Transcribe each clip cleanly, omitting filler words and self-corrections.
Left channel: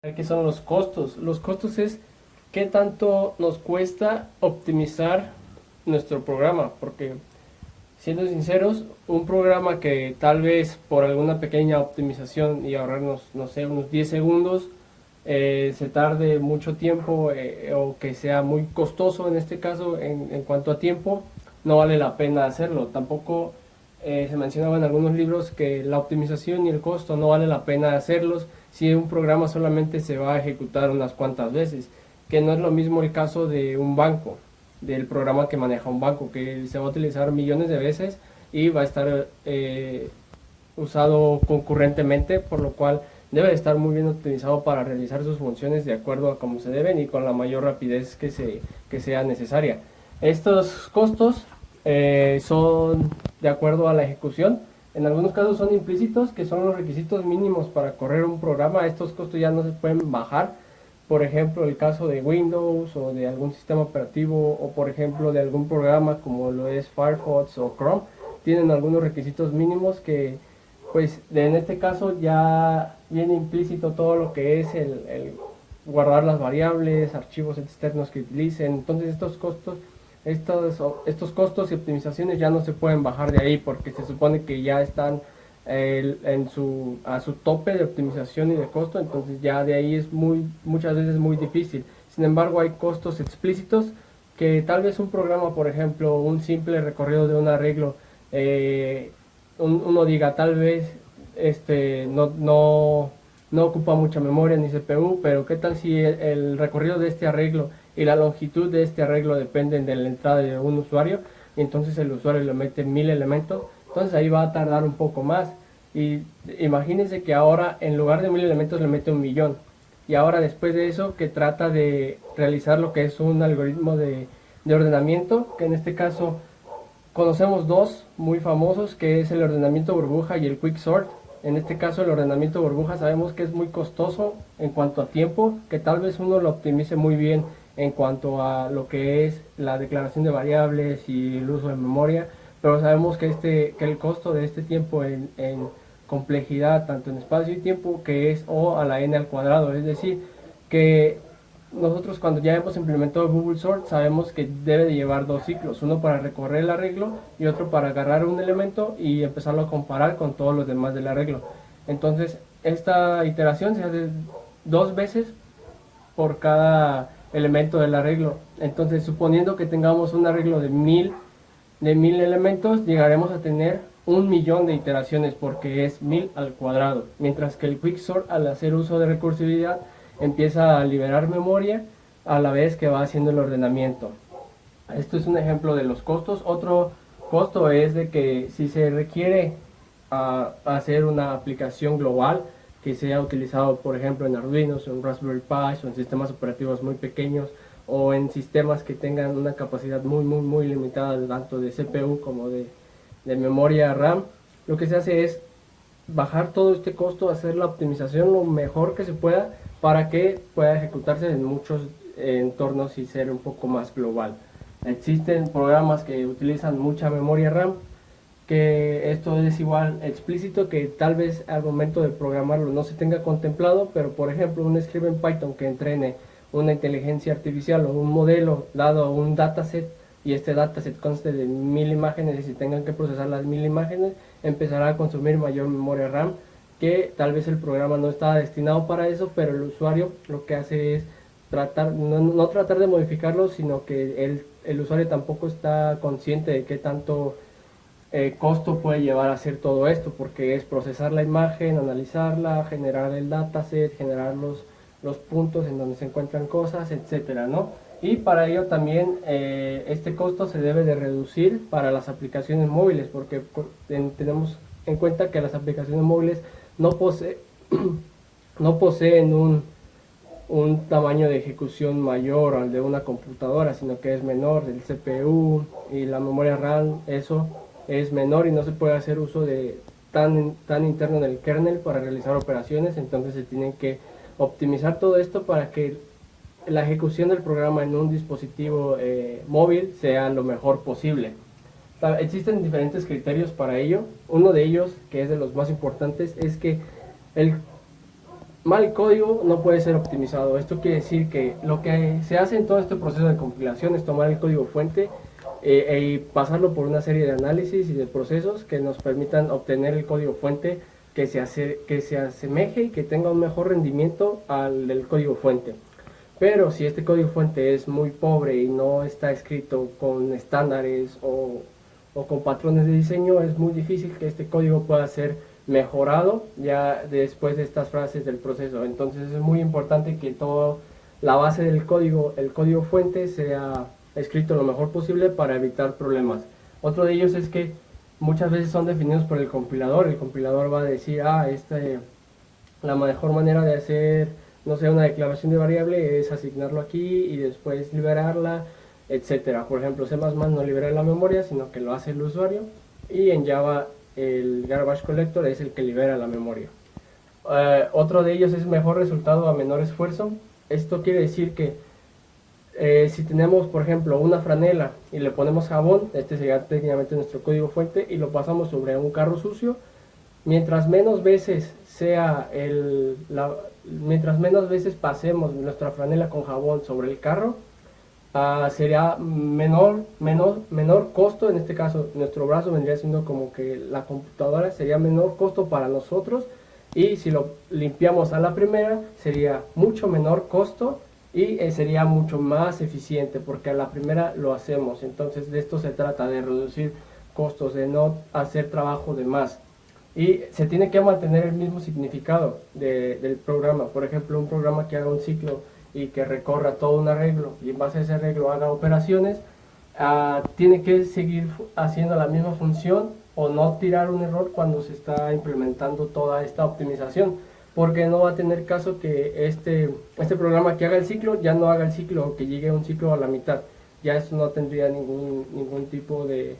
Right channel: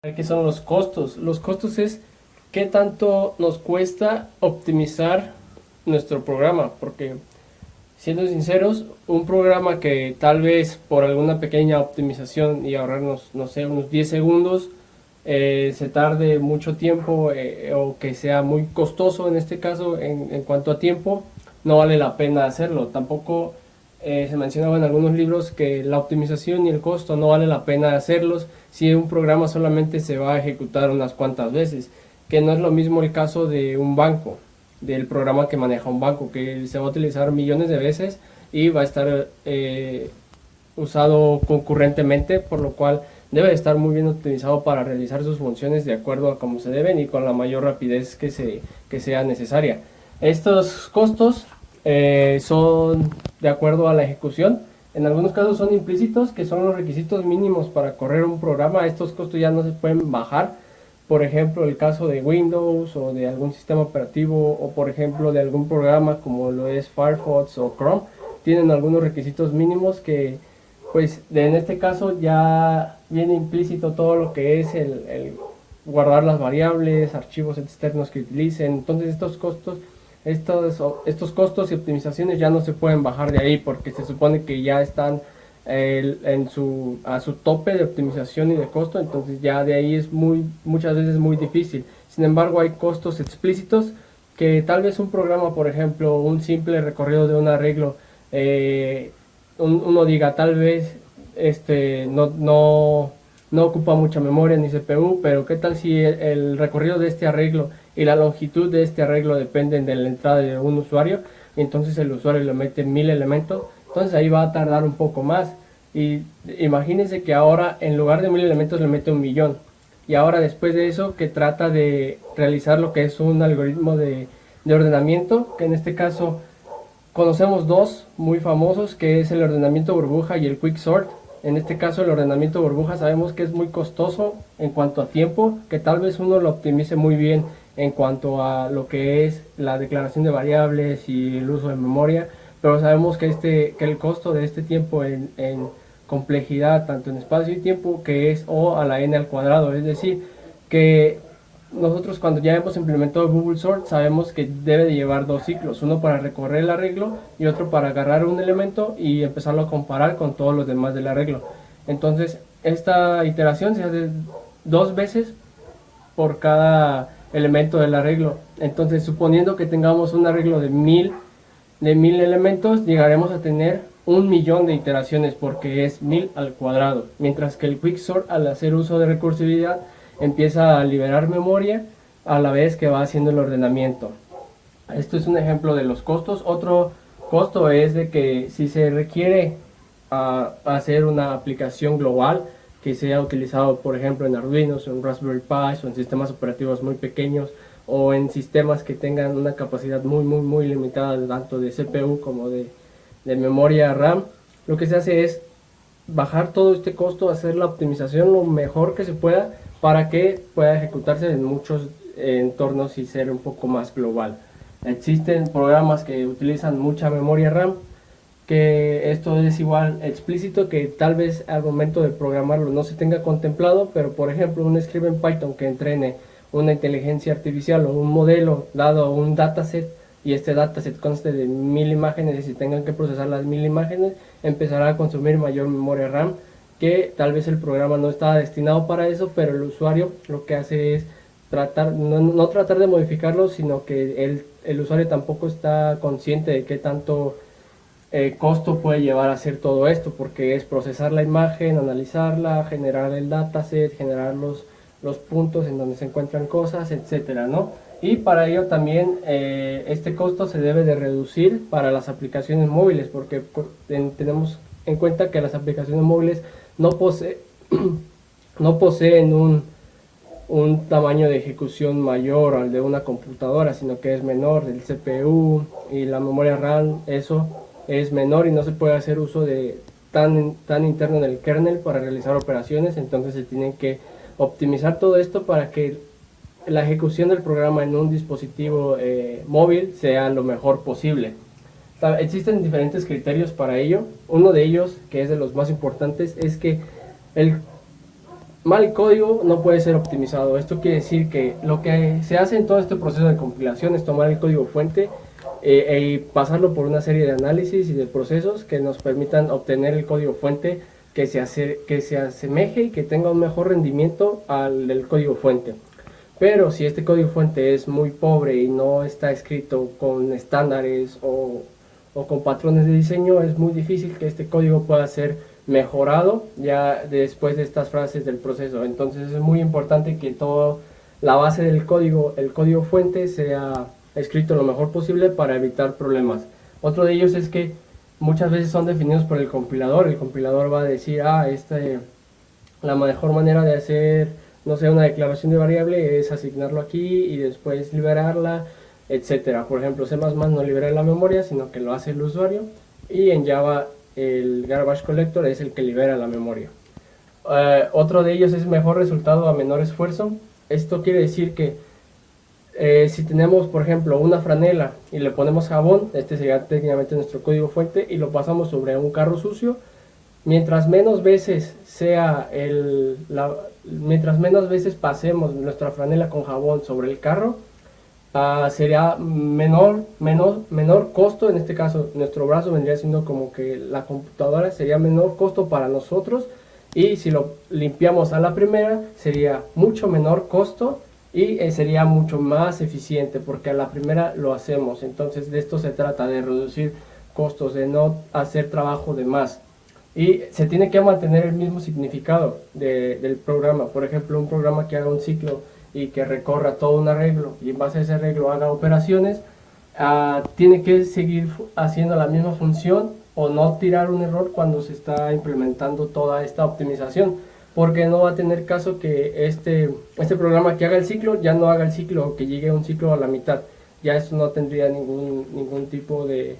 ¿Qué son los costos? Los costos es qué tanto nos cuesta optimizar nuestro programa, porque siendo sinceros, un programa que tal vez por alguna pequeña optimización y ahorrarnos, no sé, unos 10 segundos, se tarde mucho tiempo o que sea muy costoso en este caso en cuanto a tiempo, no vale la pena hacerlo. Tampoco se mencionaba en algunos libros que la optimización y el costo no vale la pena hacerlos si un programa solamente se va a ejecutar unas cuantas veces, que no es lo mismo el caso de un banco, del programa que maneja un banco, que se va a utilizar millones de veces y va a estar usado concurrentemente, por lo cual debe estar muy bien optimizado para realizar sus funciones de acuerdo a como se deben y con la mayor rapidez que sea necesaria. Estos costos son de acuerdo a la ejecución. En algunos casos son implícitos, que son los requisitos mínimos para correr un programa. Estos costos ya no se pueden bajar. Por ejemplo, el caso de Windows o de algún sistema operativo o por ejemplo de algún programa como lo es Firefox o Chrome, tienen algunos requisitos mínimos que pues en este caso ya viene implícito todo lo que es el guardar las variables, archivos externos que utilicen. Entonces estos costos y optimizaciones ya no se pueden bajar de ahí porque se supone que ya están a su tope de optimización y de costo, entonces ya de ahí es muchas veces muy difícil. Sin embargo, hay costos explícitos que tal vez un programa, por ejemplo, un simple recorrido de un arreglo, uno diga tal vez no ocupa mucha memoria ni CPU, pero qué tal si el recorrido de este arreglo y la longitud de este arreglo dependen de la entrada de un usuario, y entonces el usuario le mete 1000 elementos, entonces ahí va a tardar un poco más. Y imagínense que ahora en lugar de 1000 elementos le mete 1.000.000. Y ahora después de eso que trata de realizar lo que es un algoritmo de ordenamiento, que en este caso conocemos dos muy famosos, que es el ordenamiento burbuja y el quicksort. En este caso el ordenamiento burbuja sabemos que es muy costoso en cuanto a tiempo, que tal vez uno lo optimice muy bien en cuanto a lo que es la declaración de variables y el uso de memoria, pero sabemos que el costo de este tiempo en complejidad, tanto en espacio y tiempo, que es O a la n al cuadrado, es decir, que nosotros cuando ya hemos implementado Google Sort sabemos que debe de llevar dos ciclos, uno para recorrer el arreglo y otro para agarrar un elemento y empezarlo a comparar con todos los demás del arreglo. Entonces esta iteración se hace dos veces por cada elemento del arreglo. Entonces suponiendo que tengamos un arreglo de mil elementos, llegaremos a tener 1.000.000 de iteraciones porque es 1000 al cuadrado, mientras que el quicksort, al hacer uso de recursividad, empieza a liberar memoria a la vez que va haciendo el ordenamiento. Esto es un ejemplo de los costos. Otro costo es de que si se requiere hacer una aplicación global que sea utilizado por ejemplo en Arduino o en Raspberry Pi o en sistemas operativos muy pequeños o en sistemas que tengan una capacidad muy limitada tanto de CPU como de memoria RAM, lo que se hace es bajar todo este costo, hacer la optimización lo mejor que se pueda para que pueda ejecutarse en muchos entornos y ser un poco más global. Existen programas que utilizan mucha memoria RAM, que esto es igual explícito, que tal vez al momento de programarlo no se tenga contemplado, pero por ejemplo un script en Python que entrene una inteligencia artificial o un modelo dado un dataset y este dataset conste de 1000 imágenes y si tengan que procesar las 1000 imágenes empezará a consumir mayor memoria RAM, que tal vez el programa no estaba destinado para eso, pero el usuario lo que hace es no tratar de modificarlo, sino que el usuario tampoco está consciente de qué tanto costo puede llevar a hacer todo esto, porque es procesar la imagen, analizarla, generar el dataset, generar los puntos en donde se encuentran cosas, etcétera, ¿no? Y para ello también este costo se debe de reducir para las aplicaciones móviles, porque tenemos en cuenta que las aplicaciones móviles no, no poseen un tamaño de ejecución mayor al de una computadora, sino que es menor, el CPU y la memoria RAM, eso es menor y no se puede hacer uso de tan interno en el kernel para realizar operaciones, entonces se tienen que optimizar todo esto para que la ejecución del programa en un dispositivo móvil sea lo mejor posible. Existen diferentes criterios para ello. Uno de ellos, que es de los más importantes, es que el mal código no puede ser optimizado. Esto quiere decir que lo que se hace en todo este proceso de compilación es tomar el código fuente y pasarlo por una serie de análisis y de procesos que nos permitan obtener el código fuente que se asemeje y que tenga un mejor rendimiento al del código fuente. Pero si este código fuente es muy pobre y no está escrito con estándares o con patrones de diseño, es muy difícil que este código pueda ser mejorado ya después de estas fases del proceso. Entonces es muy importante que toda la base del código, el código fuente, sea escrito lo mejor posible para evitar problemas. Otro de ellos es que muchas veces son definidos por el compilador. El compilador va a decir, la mejor manera de hacer, no sé, una declaración de variable es asignarlo aquí y después liberarla, etcétera. Por ejemplo, C++ no libera la memoria, sino que lo hace el usuario, y en Java el garbage collector es el que libera la memoria. Otro de ellos es mejor resultado a menor esfuerzo. Esto quiere decir que si tenemos, por ejemplo, una franela y le ponemos jabón, este sería técnicamente nuestro código fuente, y lo pasamos sobre un carro sucio, mientras menos veces pasemos nuestra franela con jabón sobre el carro, sería menor costo. En este caso nuestro brazo vendría siendo como que la computadora, sería menor costo para nosotros, y si lo limpiamos a la primera sería mucho menor costo y sería mucho más eficiente porque a la primera lo hacemos. Entonces de esto se trata, de reducir costos, de no hacer trabajo de más, y se tiene que mantener el mismo significado del programa. Por ejemplo, un programa que haga un ciclo y que recorra todo un arreglo y en base a ese arreglo haga operaciones, tiene que seguir haciendo la misma función o no tirar un error cuando se está implementando toda esta optimización, porque no va a tener caso que este programa que haga el ciclo ya no haga el ciclo, o que llegue a un ciclo a la mitad. Ya eso no tendría ningún tipo de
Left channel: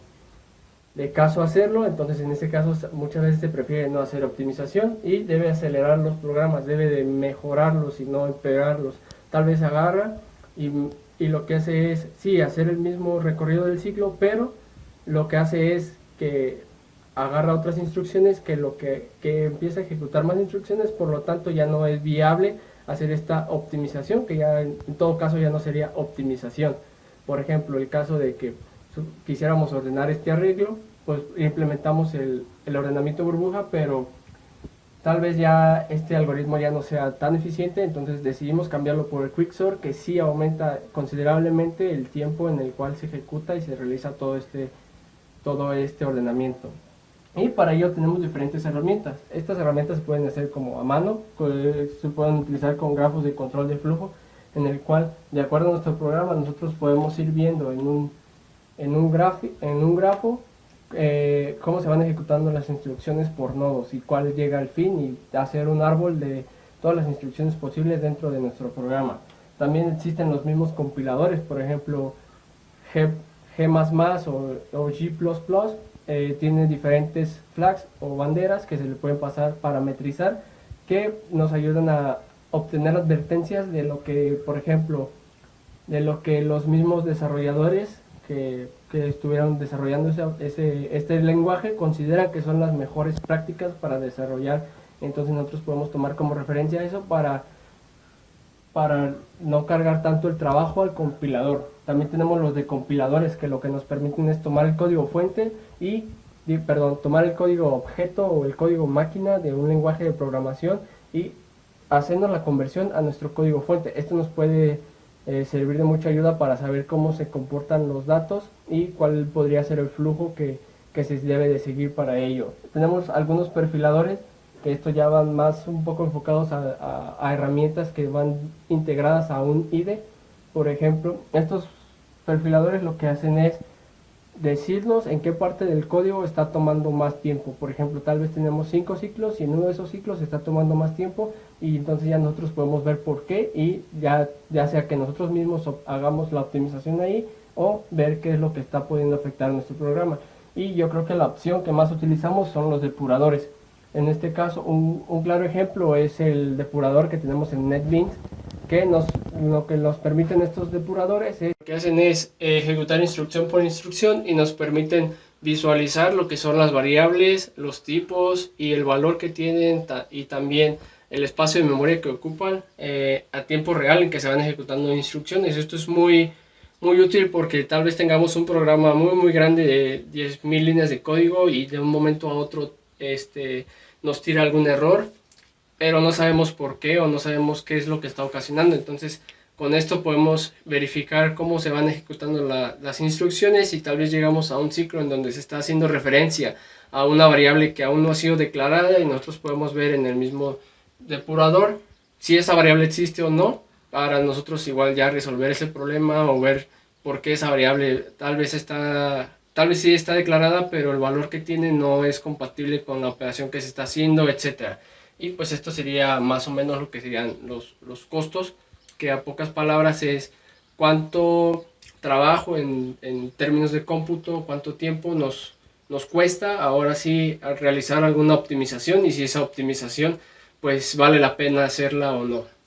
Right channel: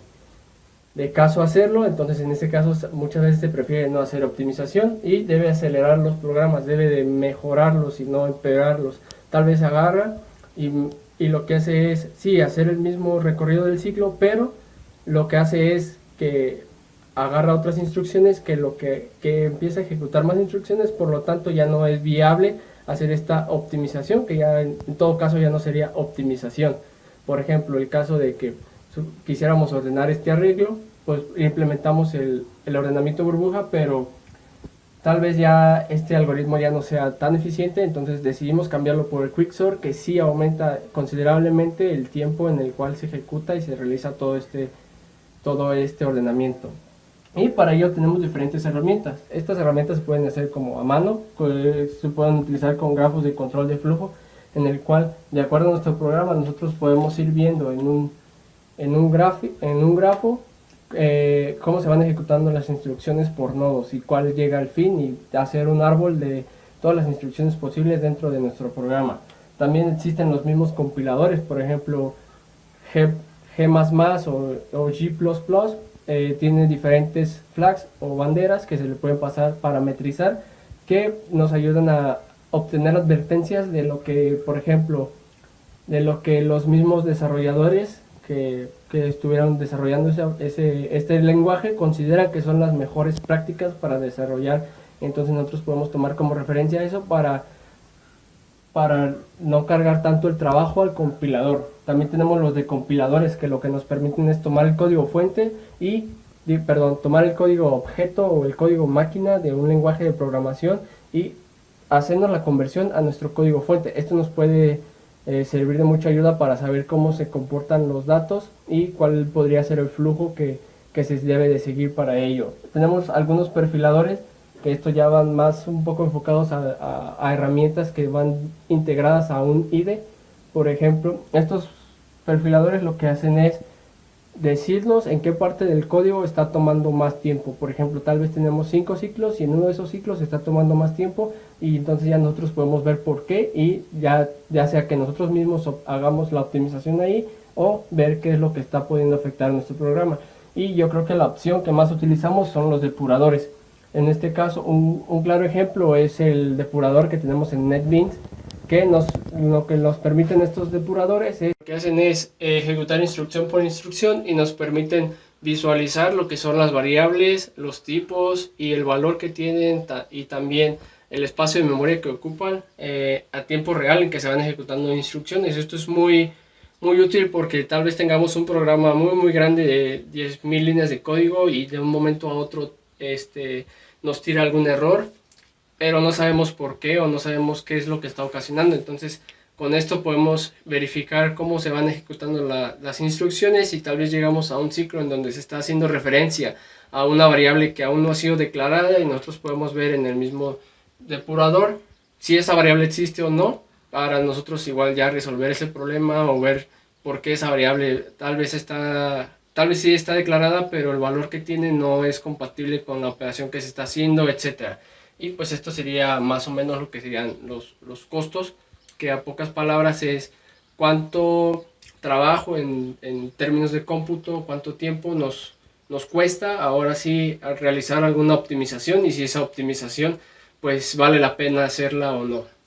caso hacerlo. Entonces en ese caso muchas veces se prefiere no hacer optimización y debe acelerar los programas, debe de mejorarlos y no empeorarlos. Tal vez agarra y lo que hace es, sí, hacer el mismo recorrido del ciclo, pero lo que hace es que agarra otras instrucciones que empieza a ejecutar más instrucciones, por lo tanto ya no es viable hacer esta optimización, que ya en todo caso ya no sería optimización. Por ejemplo, el caso de que quisiéramos ordenar este arreglo, pues implementamos el ordenamiento burbuja, pero tal vez ya este algoritmo ya no sea tan eficiente, entonces decidimos cambiarlo por el quicksort, que sí aumenta considerablemente el tiempo en el cual se ejecuta y se realiza todo este ordenamiento. Y para ello tenemos diferentes herramientas. Estas herramientas se pueden hacer como a mano, se pueden utilizar con grafos de control de flujo, en el cual, de acuerdo a nuestro programa, nosotros podemos ir viendo en un grafo cómo se van ejecutando las instrucciones por nodos y cuál llega al fin, y hacer un árbol de todas las instrucciones posibles dentro de nuestro programa. También existen los mismos compiladores, por ejemplo G++ o G++, tiene diferentes flags o banderas que se le pueden pasar, parametrizar, que nos ayudan a obtener advertencias de lo que, por ejemplo, de lo que los mismos desarrolladores que estuvieron desarrollando este lenguaje consideran que son las mejores prácticas para desarrollar. Entonces nosotros podemos tomar como referencia eso para no cargar tanto el trabajo al compilador. También tenemos los decompiladores, que lo que nos permiten es tomar el código fuente tomar el código objeto o el código máquina de un lenguaje de programación y hacernos la conversión a nuestro código fuente. Esto nos puede servir de mucha ayuda para saber cómo se comportan los datos y cuál podría ser el flujo que se debe de seguir para ello. Tenemos algunos perfiladores que esto ya van más un poco enfocados a herramientas que van integradas a un IDE. Por ejemplo, estos perfiladores lo que hacen es decirnos en qué parte del código está tomando más tiempo. Por ejemplo, tal vez tenemos 5 ciclos y en uno de esos ciclos está tomando más tiempo, y entonces ya nosotros podemos ver por qué, y ya sea que nosotros mismos hagamos la optimización ahí o ver qué es lo que está pudiendo afectar nuestro programa. Y yo creo que la opción que más utilizamos son los depuradores. En este caso un claro ejemplo es el depurador que tenemos en NetBeans, que lo que nos permiten estos depuradores es, lo que hacen es ejecutar instrucción por instrucción y nos permiten visualizar lo que son las variables, los tipos y el valor que tienen, y también el espacio de memoria que ocupan a tiempo real en que se van ejecutando instrucciones. Esto es muy, muy útil porque tal vez tengamos un programa muy, muy grande de 10.000 líneas de código y de un momento a otro nos tira algún error, pero no sabemos por qué o no sabemos qué es lo que está ocasionando. Entonces, con esto podemos verificar cómo se van ejecutando las instrucciones y tal vez llegamos a un ciclo en donde se está haciendo referencia a una variable que aún no ha sido declarada y nosotros podemos ver en el mismo depurador si esa variable existe o no, para nosotros igual ya resolver ese problema o ver por qué esa variable tal vez sí está declarada, pero el valor que tiene no es compatible con la operación que se está haciendo, etcétera. Y pues esto sería más o menos lo que serían los costos, que a pocas palabras es cuánto trabajo en términos de cómputo, cuánto tiempo nos cuesta ahora sí realizar alguna optimización y si esa optimización pues vale la pena hacerla o no.